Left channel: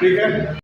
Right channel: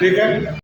ठीक है।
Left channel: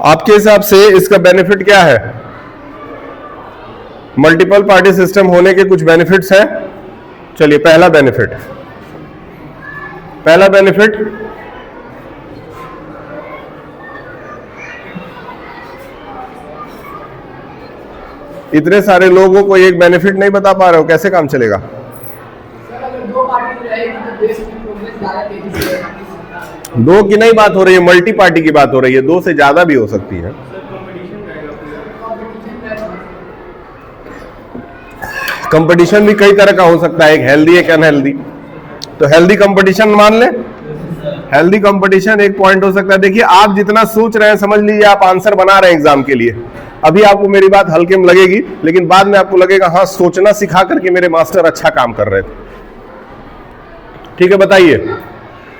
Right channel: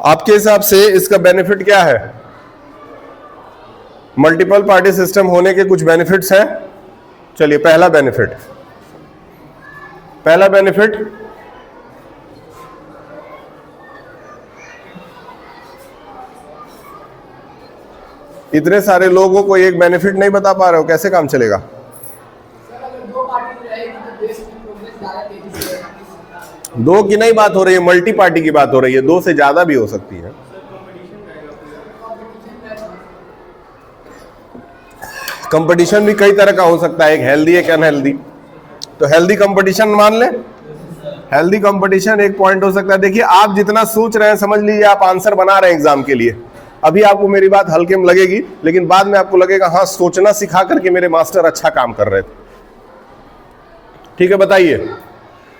आपके हिसाब से इसका बेनिफिट क्या है? मल्टीपल पार्टी सिस्टम होने के कुछ बेनिफिट्स हैं। चलिए, पहला बेनिफिट इतने सारे लोगों को एक बेनिफिट नहीं बता पा रहे हो, कैसे काम चलेगा? दो की नहीं बात हो रही है, मल्टी पार्टी की बात हो रही है, दो से ज्यादा भी हो सकती है। कंपटीशन भी कई तरह का हो सकता है, एक हेल्दी एक अनहेल्दी। तो हेल्दी कंपटीशन मान ले, हेल्दी कंपटीशन एक पॉइंट हो सकता है। देखिए, आप जितना सोच रहे हैं, समझ लीजिए आप आंसर बना रहे हैं एग्जाम के लिए। अभी आपको मेरी बात हल्के में लगेगी, लेकिन बाद में आपको लगेगा हाँ, सोचना सिखा करके मेरे मास्टर अच्छा काम कर रहे थे। ठीक है, बताइए।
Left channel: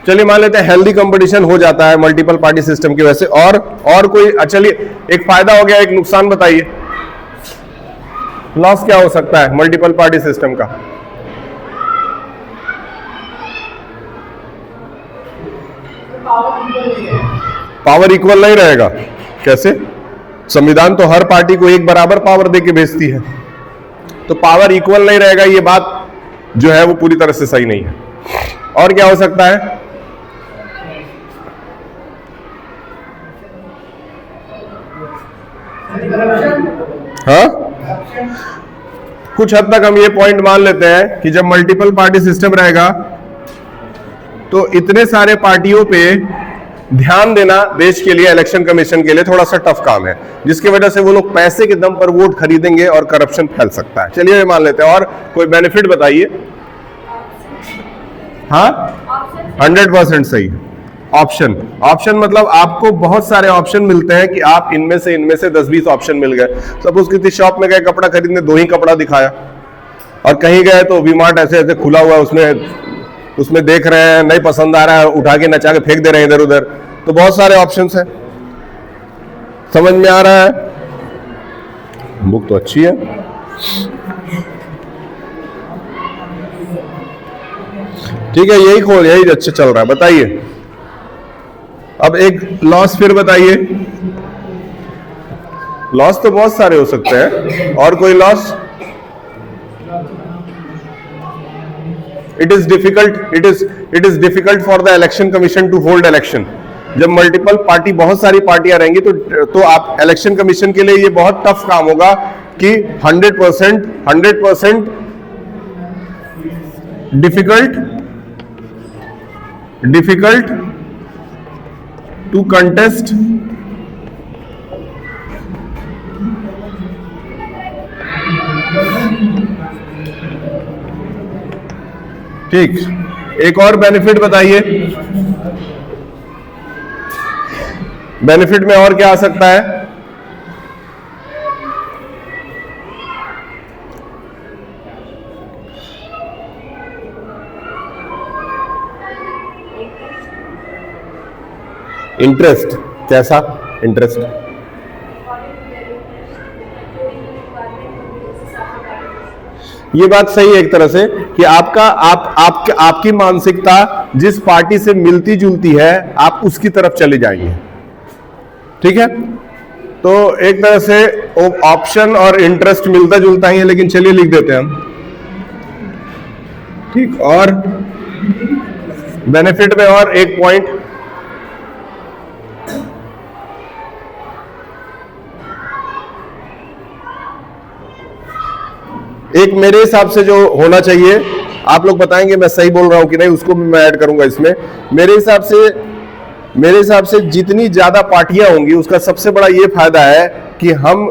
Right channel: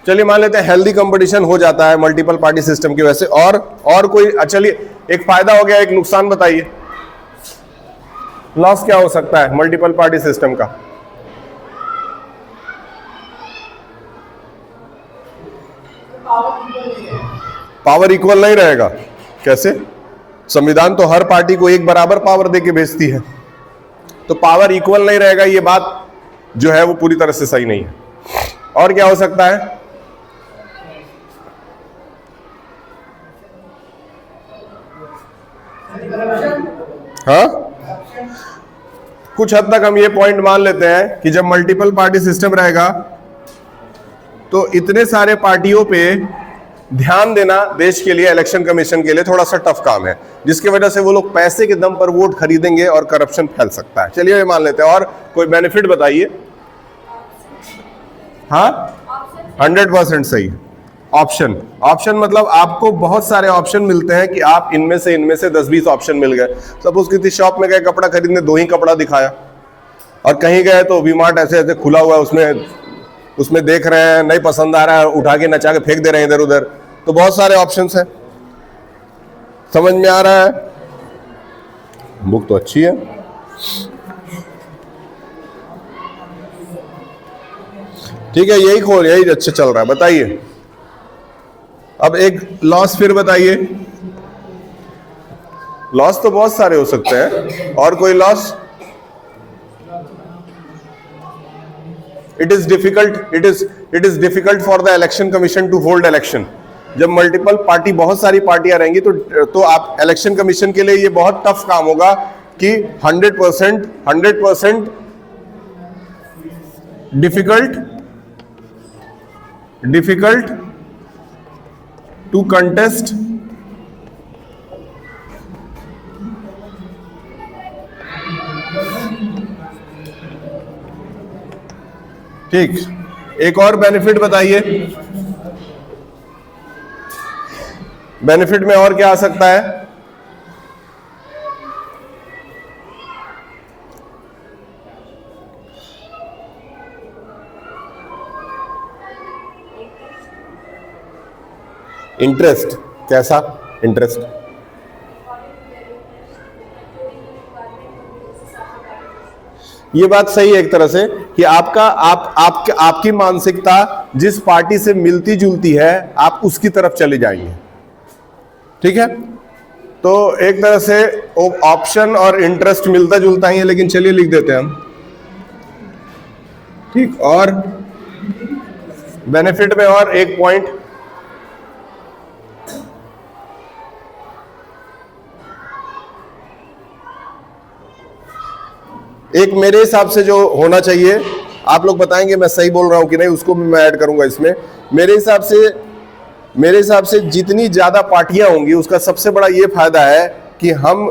चलिए, मान लेते हैं हेल्दी कंपटीशन हो जाता है मल्टीपल पार्टी सिस्टम की वजह से। और कोई, चलिए, एक फायदा हो गया, एक नुकसान बताइए। लॉस क्या हो सकता है मल्टीपल पार्टी सिस्टम का? पावर इक्वल नहीं रहेगा। कैसे? संविधान तो हर पार्टी को एक बराबर पावर देके भेजती है, तो पावर इक्वल नहीं रहेगा, ये बात जो है वो पूरी तरह से सही नहीं है। और क्या हो सकता है? हाँ, कुछ हद तक हम ये पॉइंट मान लेते हैं कि जब मल्टीपल पार्टी सिस्टम रहेगा तो इतने सारे पार्टियों पे ध्यान देना देश के लिए, इलेक्शन कमीशन के लिए थोड़ा सा टफ काम है, जिसकी वजह से वो लोग पैसे के दम पर वोट खरीदेंगे और करप्शन फैल सकता है। चलिए, ये मान लेते हैं। और कोई बेनिफिट बताइए। हाँ, 100% सही। ऑप्शन मतलब आपको बहुत सारे ऑप्शन मिलते हैं कि आप इनमें से 10-20 ऑप्शन मिल गए। सपोज किसी शॉप में गए कपड़ा खरीदने, 2 ही कपड़ा दिखाया, और कहीं गए तो वी-मार्ट ऐसे खुला हुआ है, उसमें देख रहे हैं, नहीं पसंद आ रहा है, उठा के नचा के फेंक दे रहे हैं इधर उधर। तो बहुत सारे ऑप्शंस हैं। समझ में आ रहा है? बुक तो अच्छी है। ठीक है, यही अच्छा चल रहा है। बताइए, अब एक लॉस फिर बताइए। लॉस तो बहुत सारे हो सकते हैं, और कोई loss? It is difficult for the election commission to hold election. जब मल्टीपल पार्टी, बहुत सारी पार्टियां रहेंगी, तो आप इलेक्शन कमीशन के लिए ये बहुत टफ काम होगा कि 100% डिफिकल्ट टू कंटेस्ट ठीक। एक और बेनिफिट बताइए। बेनिफिट में और क्या आ सकता है? इंटरेस्ट। कैसा इंटरेस्ट? ये बात सही है एक तरह से कि आपकी मानसिकता जिस पार्टी से मिलती जुलती है, आप उसकी तरफ चले जाएंगे। ठीक है, तो एक तरह से ऑप्शन और इंटरेस्ट मिलता जुलता ही है, लेकिन चलिए लिख देते हैं हम। ठीक, और बेनिफिट में और एक पॉइंट, एक मेरे हिसाब से जो होना चाहिए, आप लोग बताएंगे मैं सही बोल रहा हूं कि नहीं, उसको मैं ऐड करूंगा इसमें। मेरे हिसाब से जितनी ज्यादा पार्टियां होंगी, उसका सबसे बड़ा ये फायदा है कि हम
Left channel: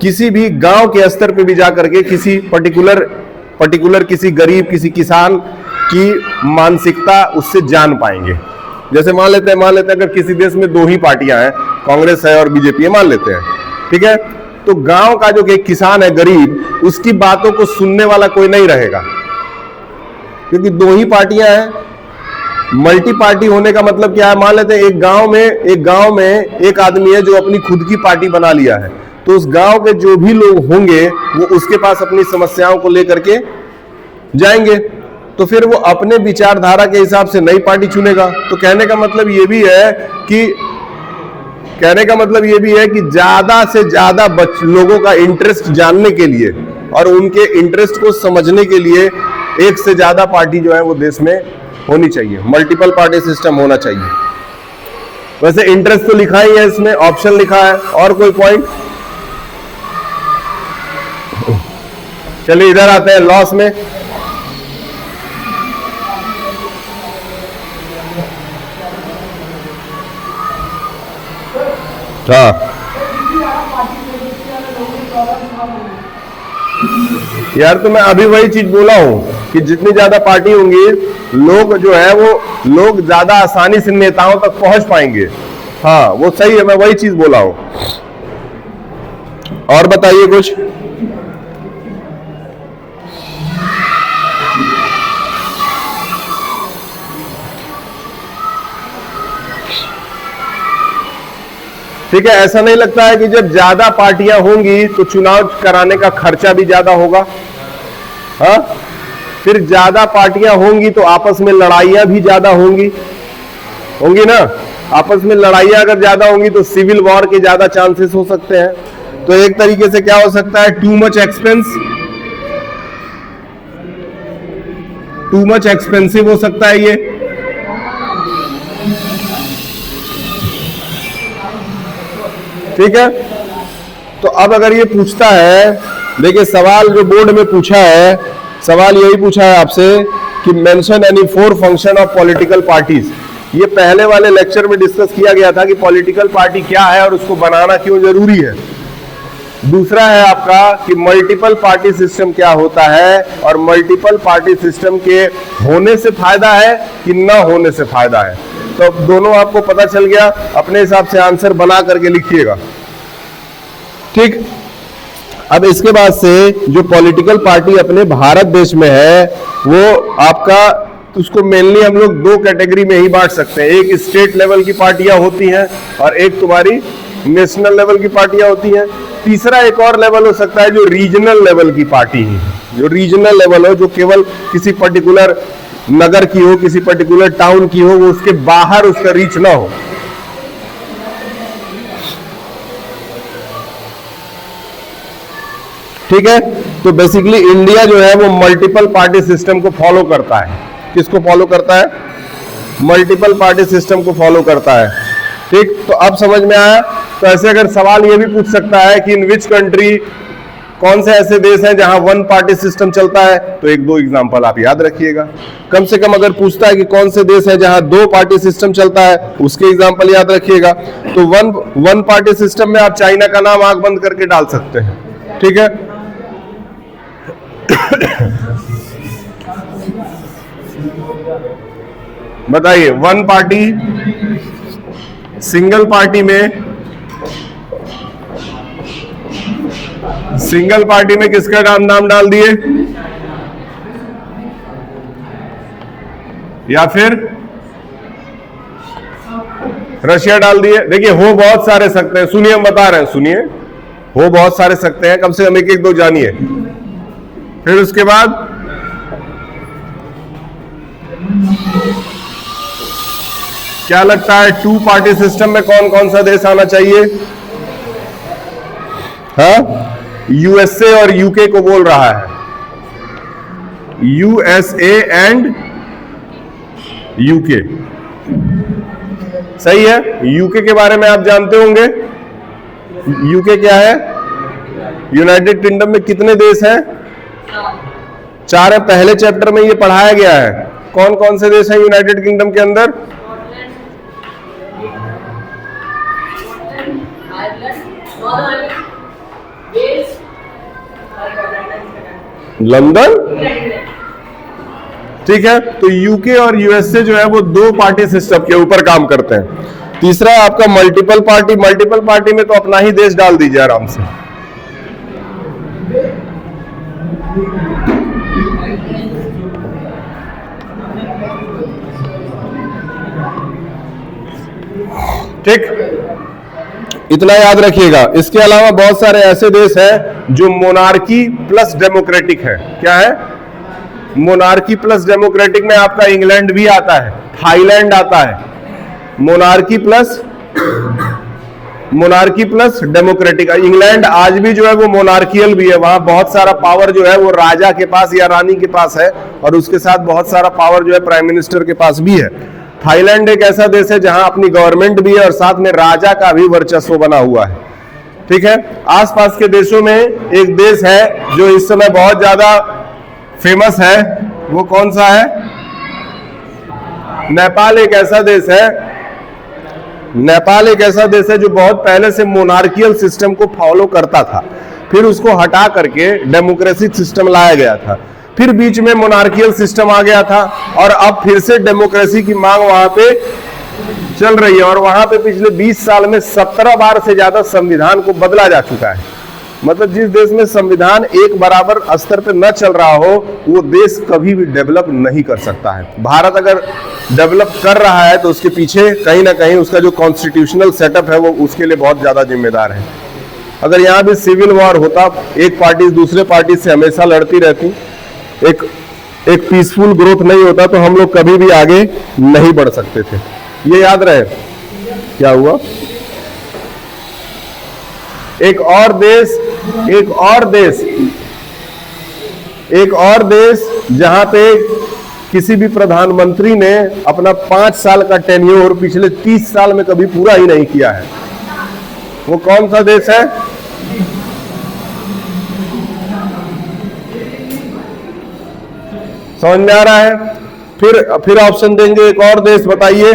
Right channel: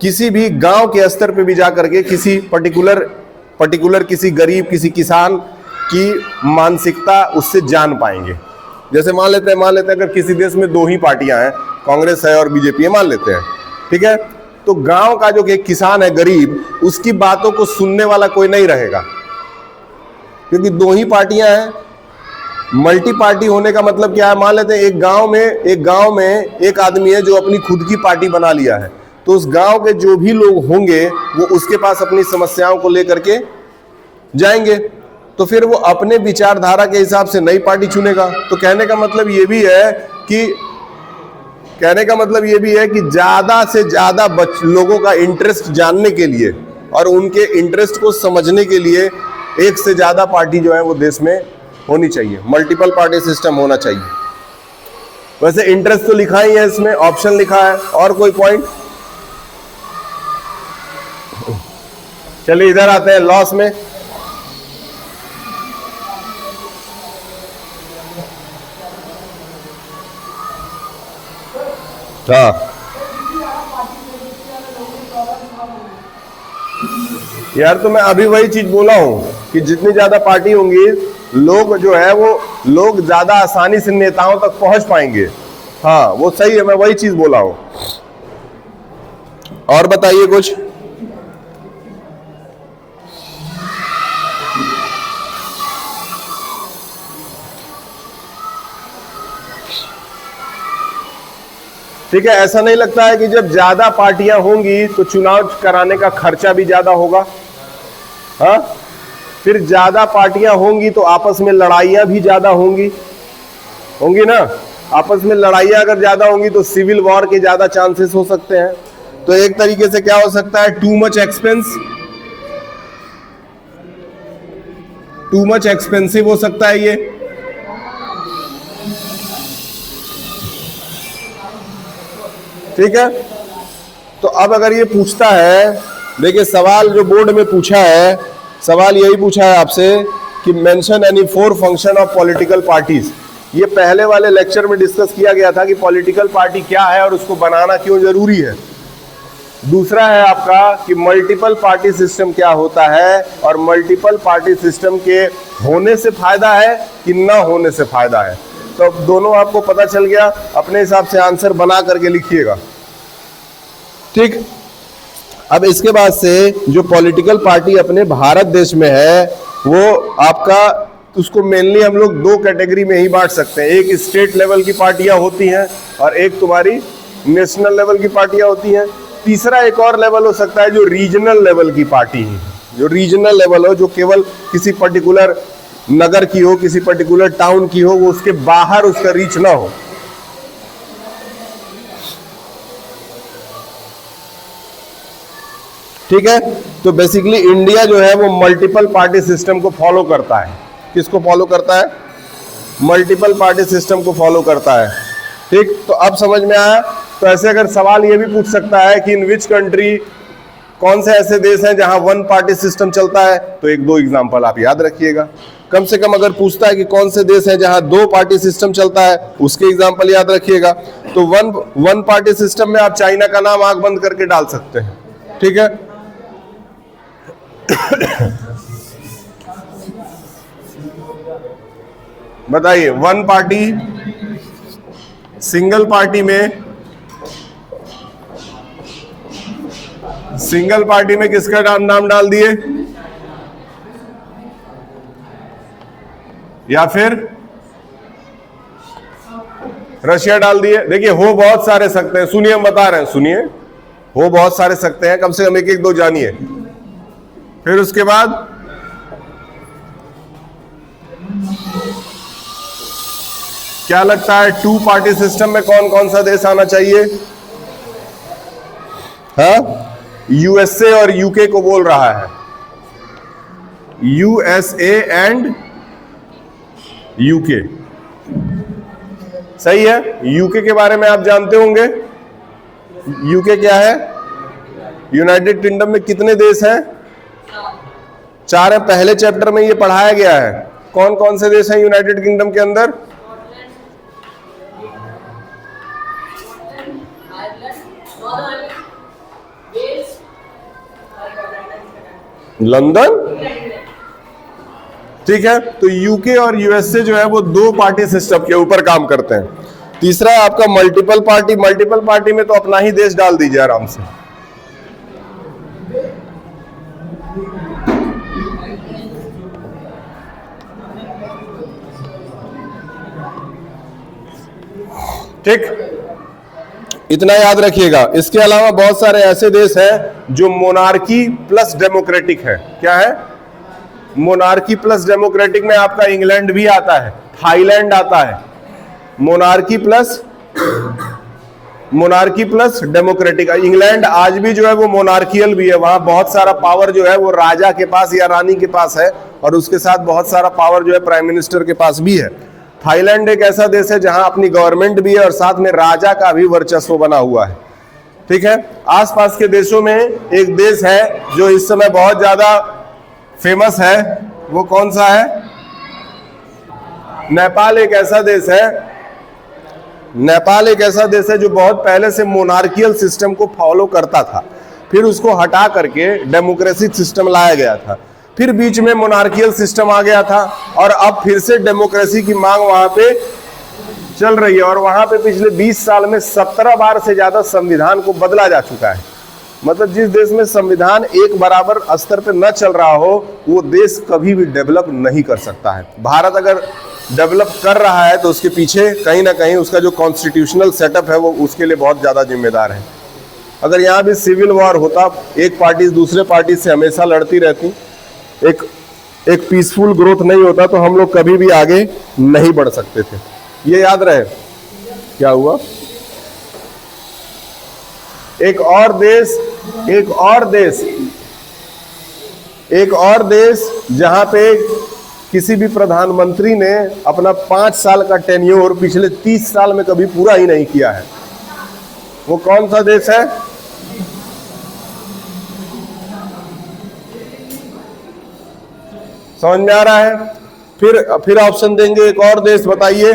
किसी भी गांव के स्तर पे भी जाकर के किसी पर्टिकुलर किसी गरीब, किसी किसान की मानसिकता उससे जान पाएंगे। जैसे मान लेते हैं अगर किसी देश में 2 ही पार्टियां हैं, कांग्रेस है और बीजेपी है, मान लेते हैं, ठीक है, तो गांव का जो एक किसान है, गरीब, उसकी बातों को सुनने वाला कोई नहीं रहेगा, क्योंकि 2 ही पार्टियां हैं। मल्टी पार्टी होने का मतलब क्या है? मान लेते हैं एक गांव में एक आदमी है जो अपनी खुद की पार्टी बना लिया है, तो उस गांव के जो भी लोग होंगे वो उसके पास अपनी समस्याओं को लेकर के जाएंगे, तो फिर वो अपने विचारधारा के हिसाब से नई पार्टी चुनेगा। तो कहने का मतलब ये भी है कि कहने का मतलब ये भी है कि ज्यादा से ज्यादा लोगों का इंटरेस्ट जानने के लिए और उनके इंटरेस्ट को समझने के लिए एक से ज्यादा पार्टी जो है वो देश में होनी चाहिए, मल्टीपल पार्टी सिस्टम होना चाहिए। वैसे इंटरेस्ट तो लिखा ही है इसमें, ऑप्शन लिखा है, और कोई पॉइंट? चलिए इधर आते हैं लॉस में। हाँ यार, तो मैं अभी वही चीज बोला हूं कि जितनी ज्यादा पार्टी होंगी, लोग जो है वो लोग ज्यादा आसानी से नेताओं तक पहुंच पाएंगे। हाँ वो सही है, मैं वही चीज बोला हूं। और बताइए कुछ। ठीक है, ऐसा नहीं लगता है कि जब ज्यादा पार्टियां होंगी तो चुनाव कराने का खर्चा भी ज्यादा होगा? हाँ, फिर ज्यादा पार्टियां होंगी तो आपस में लड़ाइयां भी ज्यादा होंगी ना। आपस में लड़ाइयां अगर ज्यादा होंगी तो सिविल वॉर के ज्यादा चांसेस हो सकते हैं। तो एक तरीके से क्या हो सकता है, टू मच एक्सपेंसिव हो सकता है ये। ठीक है, तो अब अगर ये पूछता है, देखिए सवाल जो बोर्ड में पूछा है, सवाल यही पूछा है आपसे कि mention any 4 function of political parties. ये पहले वाले लेक्चर में डिस्कस किया गया था कि पॉलिटिकल पार्टी क्या है और उसको बनाना क्यों जरूरी है। दूसरा है आपका कि मल्टीपल पार्टी सिस्टम क्या होता है और मल्टीपल पार्टी सिस्टम के होने से फायदा है कि ना होने से फायदा है। तो अब दोनों आपको पता चल गया, अपने हिसाब से आंसर बना करके लिखिएगा। ठीक, अब इसके बाद से जो पॉलिटिकल पार्टी अपने भारत देश में है वो आपका, उसको मेनली हम लोग 2 कैटेगरी में ही बांट सकते हैं। एक स्टेट लेवल की पार्टियां होती हैं और एक तुम्हारी नेशनल लेवल की पार्टियां होती हैं। तीसरा एक और लेवल हो सकता है जो रीजनल लेवल की पार्टी है, जो रीजनल लेवल हो, जो केवल किसी पर्टिकुलर नगर की हो, किसी पर्टिकुलर टाउन की हो, वो उसके बाहर उसका रीच ना हो। ठीक है, तो बेसिकली इंडिया जो है वो मल्टीपल पार्टी सिस्टम को फॉलो करता है। किसको फॉलो करता है? मल्टीपल पार्टी सिस्टम को फॉलो करता है। ठीक, तो अब समझ में आया। तो ऐसे अगर सवाल ये भी पूछ सकता है कि इन विच कंट्री, कौन से ऐसे देश हैं जहां 1 पार्टी सिस्टम चलता है, तो 1-2 एग्जांपल आप याद रखिएगा। कम से कम अगर पूछता है कि कौन से देश है जहां 2 पार्टी सिस्टम चलता है, उसके एग्जांपल याद रखिएगा। तो वन पार्टी सिस्टम में आप चाइना का नाम आंख बंद करके डाल सकते हैं। ठीक है, बताइए 1 पार्टी, सिंगल पार्टी में किसका नाम डाल दिए, या फिर रशिया डाल दिए। देखिए हो बहुत सारे सकते हैं, सुनिए हम बता रहे हैं, सुनिए, हो बहुत सारे सकते हैं, कम से कम 1-2 जानिए। फिर उसके बाद क्या लगता है 2 पार्टी सिस्टम में कौन कौन सा देश आना चाहिए? हाँ, यूएसए और यूके को बोल रहा है, यूएसए एंड यूके। सही है, यूके के बारे में आप जानते होंगे। यूके क्या है? यूनाइटेड किंगडम में कितने देश हैं? 4 है। पहले चैप्टर में ये पढ़ाया गया है। कौन कौन से देश हैं यूनाइटेड किंगडम के अंदर? लंदन। ठीक है, तो यूके और यूएसए जो है वो 2 पार्टी सिस्टम के ऊपर काम करते हैं। तीसरा आपका मल्टीपल पार्टी। मल्टीपल पार्टी में तो अपना ही देश डाल दीजिए आराम से। ठीक, इतना याद रखिएगा। इसके अलावा बहुत सारे ऐसे देश हैं जो मोनार्की प्लस डेमोक्रेटिक हैं। क्या है? मोनार्की प्लस डेमोक्रेटिक में आपका इंग्लैंड भी आता है, थाईलैंड आता है। Monarchy plus monarchy plus democratic. England आज भी जो है वो मोनार्कियल भी है, वहां बहुत सारा पावर जो है वो राजा के पास या रानी के पास है, और उसके साथ बहुत सारा पावर जो है प्राइम मिनिस्टर के पास भी है। थाईलैंड एक ऐसा देश है जहां अपनी गवर्नमेंट भी है और साथ में राजा का भी वर्चस्व बना हुआ है। ठीक है, आसपास के देशों में एक देश है जो इस समय बहुत ज्यादा फेमस है, वो कौन सा है? नेपाल एक ऐसा देश है, नेपाल एक ऐसा देश है जो बहुत पहले से मोनार्कियल सिस्टम को फॉलो करता था, फिर उसको हटा करके डेमोक्रेटिक सिस्टम लाया गया था, फिर बीच में मोनार्कियल सिस्टम आ गया था, और अब फिर से डेमोक्रेसी की मांग वहां पे चल रही है। और वहां पे पिछले 20 साल में 17 बार से ज्यादा संविधान को बदला जा चुका है। मतलब जिस देश में संविधान एक बराबर स्तर पे न चल रहा हो, वो देश कभी भी डेवलप नहीं कर सकता है। भारत अगर डेवलप कर रहा है तो उसके पीछे कहीं ना कहीं उसका जो कॉन्स्टिट्यूशनल सेटअप है वो उसके लिए बहुत ज्यादा जिम्मेदार है। अगर यहाँ भी सिविल वॉर होता, एक पार्टी दूसरे पार्टी से हमेशा लड़ती रहती, एक पीसफुल ग्रोथ नहीं होता, तो हम लोग कभी भी आगे नहीं बढ़ सकते थे। ये याद रहे। क्या हुआ? एक और देश जहां पे किसी भी प्रधानमंत्री ने अपना 5 साल का टेन्योर पिछले 30 साल में कभी पूरा ही नहीं किया है, वो कौन सा देश है? समझ में आ रहा है? फिर ऑप्शन देंगे। एक और देश बताइए,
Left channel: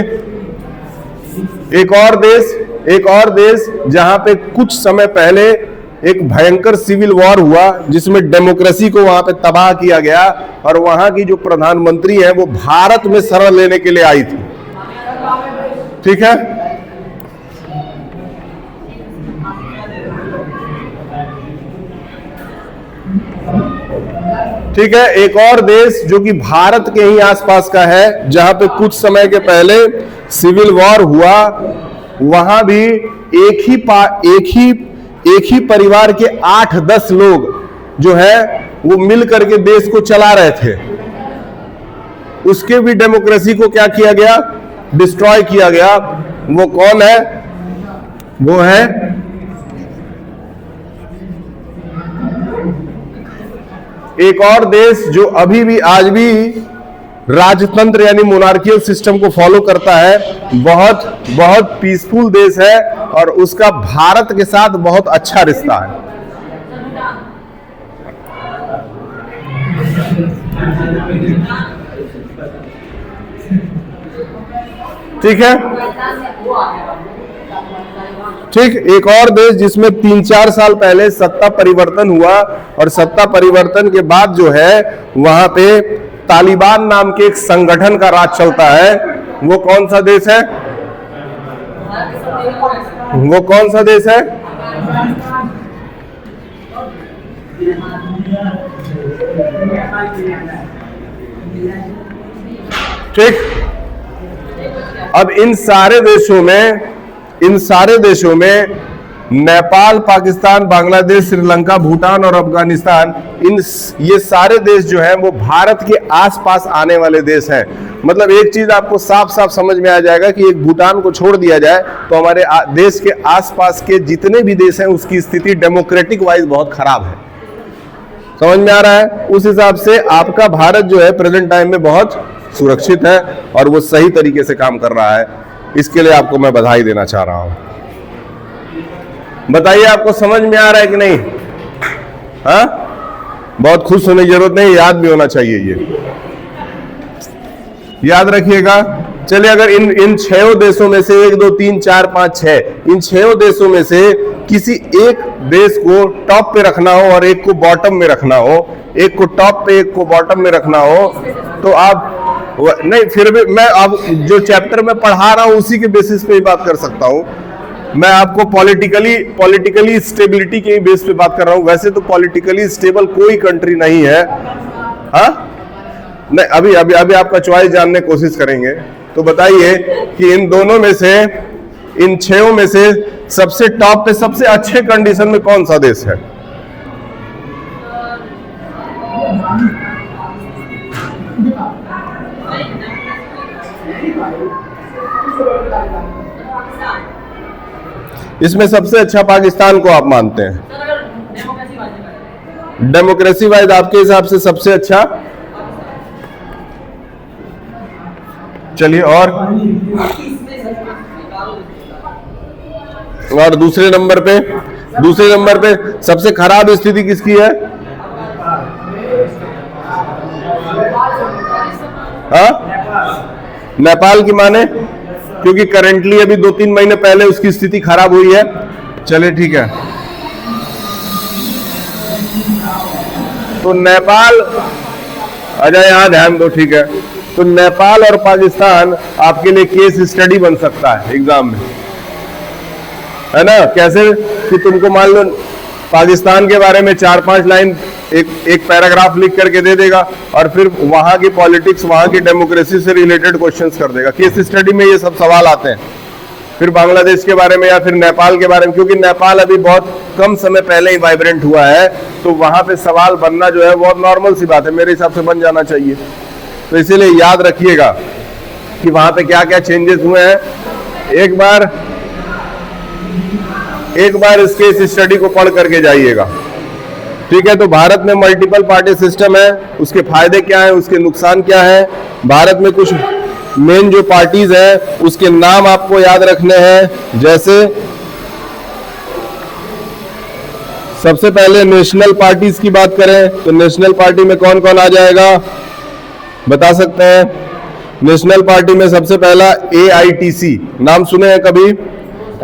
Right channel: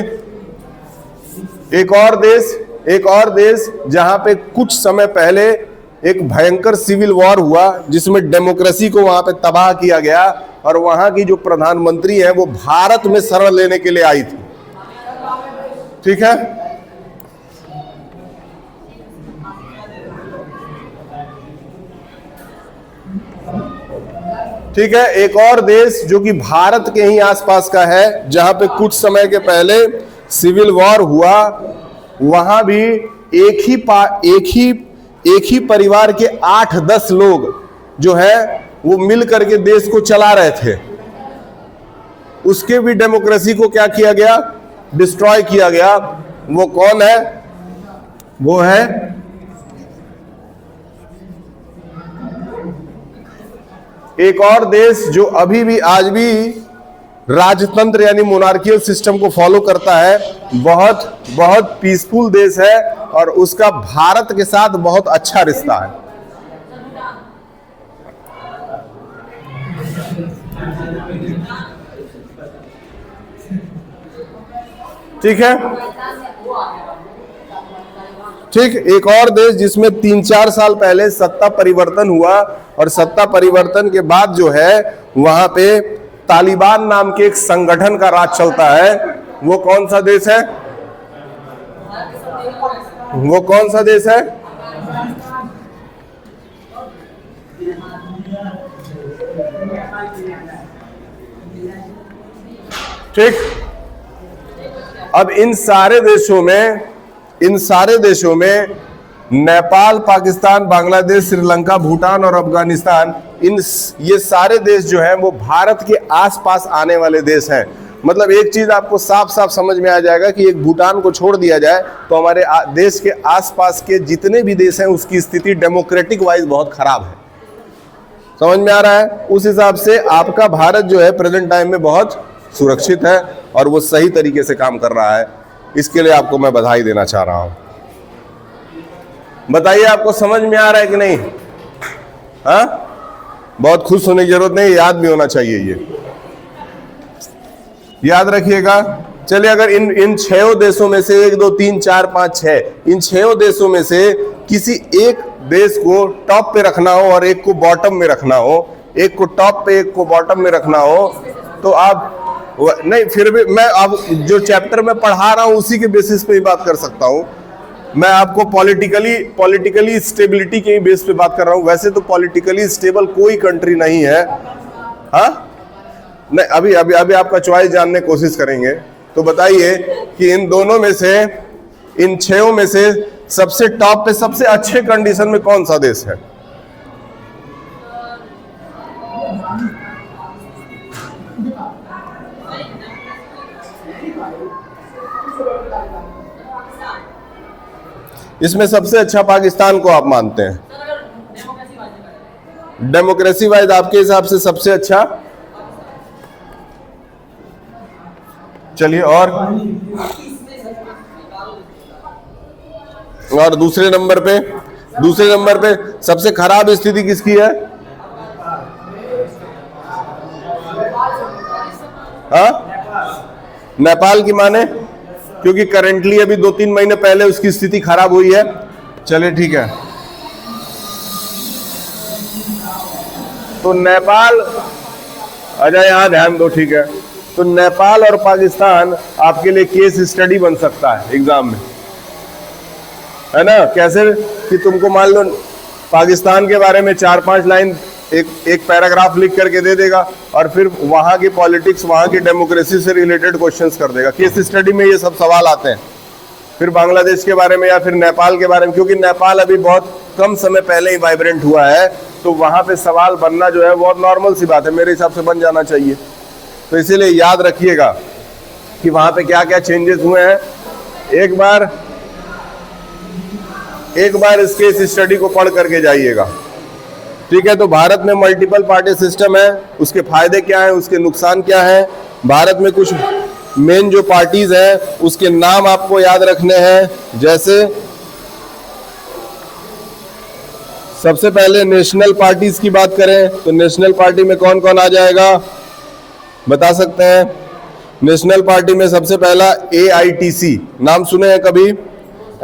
एक और देश जहां पे कुछ समय पहले एक भयंकर सिविल वॉर हुआ जिसमें डेमोक्रेसी को वहां पे तबाह किया गया, और वहां की जो प्रधानमंत्री है वो भारत में शरण लेने के लिए आई थी। ठीक है, ठीक है। एक और देश जो कि भारत के ही आसपास का है, जहां पे कुछ समय के पहले सिविल वॉर हुआ, वहां भी एक ही परिवार के 8-10 लोग जो है वो मिल करके देश को चला रहे थे। उसके भी डेमोक्रेसी को क्या किया गया? डिस्ट्रॉय किया गया। वो कौन है? वो है एक और देश जो अभी भी आज भी राजतंत्र यानी मोनार्कियल सिस्टम को फॉलो करता है, बहुत बहुत पीसफुल देश है, और उसका भारत के साथ बहुत अच्छा रिश्ता है। ठीक है, ठीक। एक और देश जिसमें 3-4 साल पहले सत्ता परिवर्तन हुआ, और सत्ता परिवर्तन के बाद जो है वहां पे तालिबान नाम के एक संगठन का राज चलता है, वो कौन सा देश है? वो कौन सा देश है? ठीक। अब इन सारे देशों में नेपाल, पाकिस्तान, बांग्लादेश, श्रीलंका, भूटान और अफगानिस्तान, ये सारे देश जो हैं वो भारत के आसपास आने वाले देश हैं। मतलब एक चीज आपको साफ साफ समझ में आ जाएगा कि एक भूटान को छोड़ दिया जाए तो हमारे देश के आसपास के जितने भी देश हैं उसकी स्थिति डेमोक्रेटिक वाइज बहुत खराब है। समझ में आ रहा है? उस हिसाब से आपका भारत जो है प्रेजेंट टाइम में बहुत सुरक्षित है और वो सही तरीके से काम कर रहा है। इसके लिए आपको मैं बधाई देना चाह रहा हूं। बताइए, आपको समझ में आ रहा है कि नहीं? हाँ, बहुत खुश होने की जरूरत नहीं, याद भी होना चाहिए। ये याद रखिएगा। चलिए, अगर इन 6 देशों में से 1, 2, 3, 4, 5, 6 इन 6 देशों में से किसी एक देश को टॉप पे रखना हो और एक को बॉटम में रखना हो, एक को टॉप पे एक को बॉटम में रखना हो, तो आप नहीं, फिर भी मैं अब जो चैप्टर में पढ़ा रहा हूं उसी के बेसिस पे ही बात कर सकता हूं। मैं आपको पॉलिटिकली स्टेबिलिटी के बेस पे बात कर रहा हूं। वैसे तो पॉलिटिकली स्टेबल कोई कंट्री नहीं है। हाँ, नहीं, अभी आपका चॉइस जानने की कोशिश करेंगे। तो बताइए कि इन दोनों में से, इन 6 में से सबसे टॉप पे सबसे अच्छे कंडीशन में कौन सा देश है? इसमें सबसे अच्छा पाकिस्तान को आप मानते हैं? डेमोक्रेसी वाइज आपके हिसाब से सबसे अच्छा? चलिए, और दूसरे नंबर पे सबसे खराब स्थिति किसकी है? हाँ, नेपाल की माने, क्योंकि करंटली अभी 2-3 महीने पहले उसकी स्थिति खराब हुई है। चलिए ठीक है, तो नेपाल, अच्छा यहां ध्यान दो, ठीक है। तो नेपाल और पाकिस्तान आपके लिए केस स्टडी बन सकता है एग्जाम में, है ना? कैसे कि तुमको मान लो पाकिस्तान के बारे में 4-5 लाइन एक पैराग्राफ लिख करके दे देगा और फिर वहां की पॉलिटिक्स, वहां की डेमोक्रेसी से रिलेटेड क्वेश्चंस कर देगा। केस स्टडी में ये सब सवाल आते हैं। फिर बांग्लादेश के बारे में या फिर नेपाल के बारे में, क्योंकि नेपाल अभी बहुत कम समय पहले ही वाइब्रेंट हुआ है, तो वहां पे सवाल बनना जो है बहुत नॉर्मल सी बात है, मेरे हिसाब से बन जाना चाहिए। तो इसीलिए याद रखिएगा कि वहां पे क्या क्या चेंजेस हुए हैं। एक बार इस केस स्टडी को पढ़ करके जाइएगा, ठीक है? तो भारत में मल्टीपल पार्टी सिस्टम है, उसके फायदे क्या है, उसके नुकसान क्या है। भारत में कुछ मेन जो पार्टीज हैं उसके नाम आपको याद रखने हैं। जैसे सबसे पहले नेशनल पार्टीज की बात करें तो नेशनल पार्टी में कौन कौन आ जाएगा, बता सकते हैं? नेशनल पार्टी में सबसे पहला AITC, नाम सुने हैं कभी?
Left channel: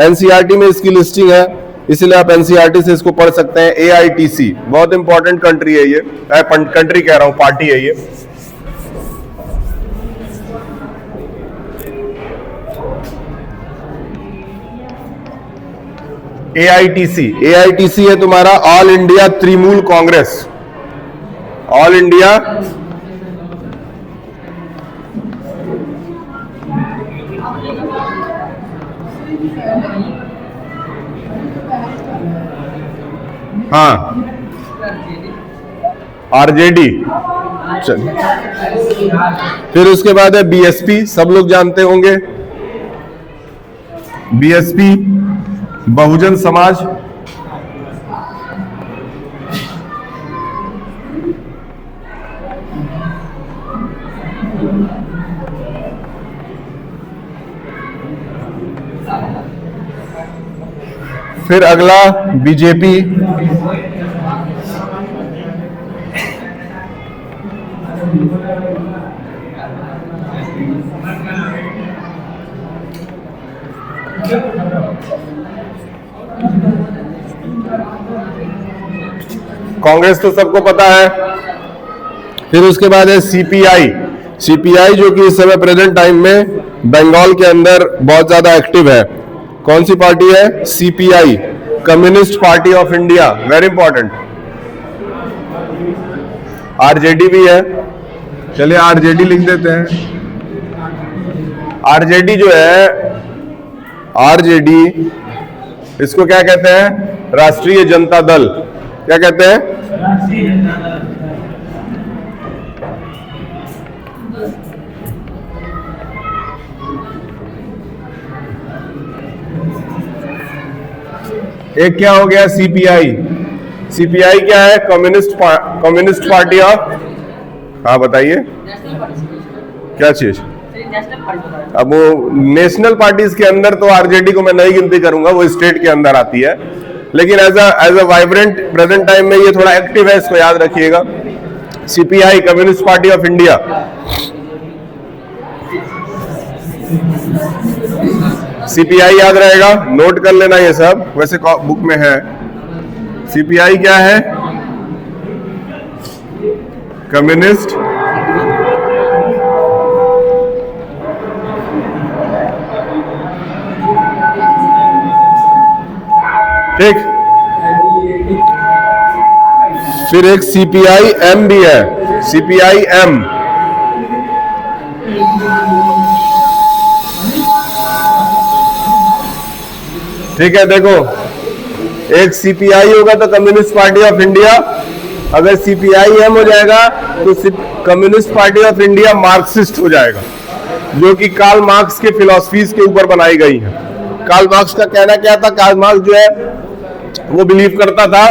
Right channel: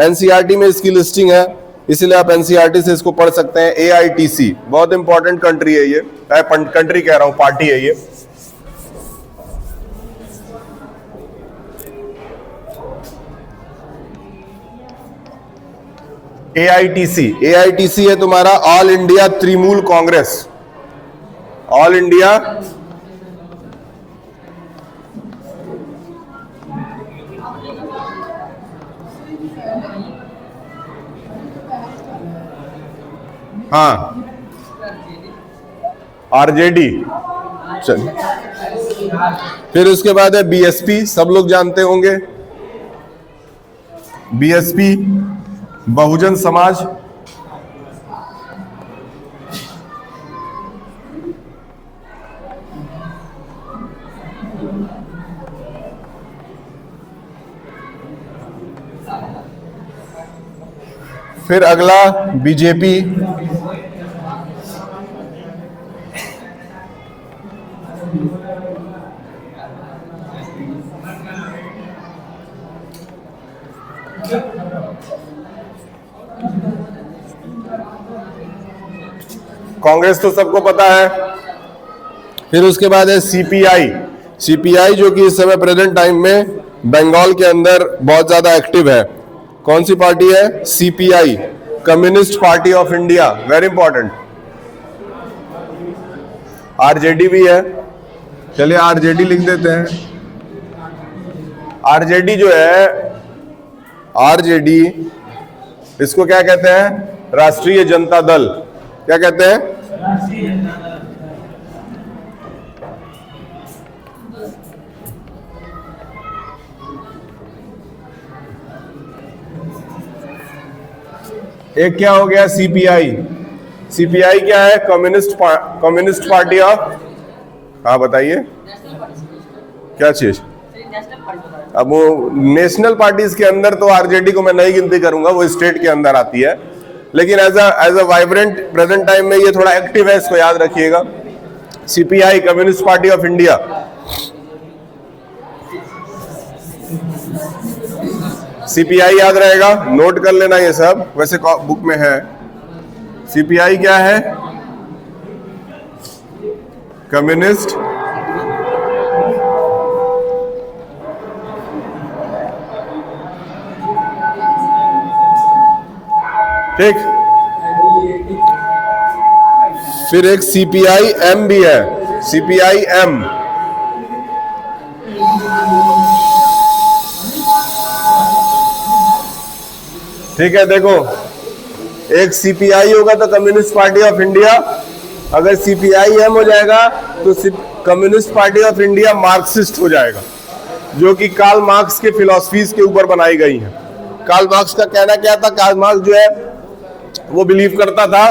NCERT में इसकी लिस्टिंग है, इसलिए आप NCERT से इसको पढ़ सकते हैं। AITC बहुत इंपॉर्टेंट कंट्री है ये, कंट्री कह रहा हूं, पार्टी है ये। AITC है तुम्हारा all India Trinamool Congress, all India हाँ RJD। फिर उसके बाद है BSP, सब लोग जानते होंगे, BSP बहुजन समाज। फिर अगला BJP, कांग्रेस तो सबको पता है। फिर उसके बाद है CPI जो कि इस समय प्रेजेंट टाइम में बंगाल के अंदर बहुत ज्यादा एक्टिव है। कौन सी पार्टी है? CPI, communist party of India, very important. RJD भी है, चलिए RJD लिख देते हैं। RJD जो है, RJD इसको क्या कहते हैं? राष्ट्रीय जनता दल। क्या कहते हैं? एक क्या हो गया? CPI क्या है? कम्युनिस्ट पार्टी ऑफ, हाँ बताइए क्या चीज? अब वो नेशनल पार्टीज के अंदर तो RJD को मैं नहीं गिनती करूंगा, वो स्टेट के अंदर आती है, लेकिन as a vibrant present time में ये थोड़ा एक्टिव है, इसको याद रखिएगा। CPI, communist party of India. CPI याद रहेगा, नोट कर लेना ये सब, वैसे बुक में है। CPI क्या है? कम्युनिस्ट ठीक। फिर एक CPI-M भी है, CPI-M। ठीक है, देखो एक CPI होगा तो कम्युनिस्ट पार्टी ऑफ इंडिया, अगर CPI-M हो जाएगा तो communist party of India Marxist हो जाएगा, जो कि कार्ल मार्क्स के फिलॉसफीज के ऊपर बनाई गई है। कार्ल मार्क्स का कहना क्या था? कार्ल मार्क्स जो है वो बिलीव करता था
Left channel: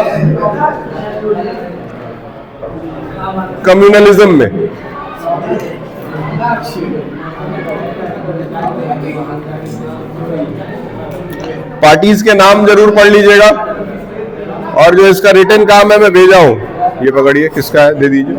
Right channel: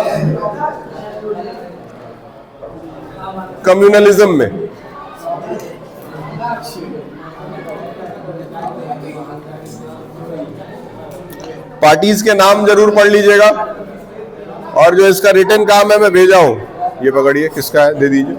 कम्युनलिज्म में। पार्टीज के नाम जरूर पढ़ लीजिएगा, और जो इसका रिटर्न काम है मैं भेजा हूं, ये पकड़िए, किसका है दे दीजिए।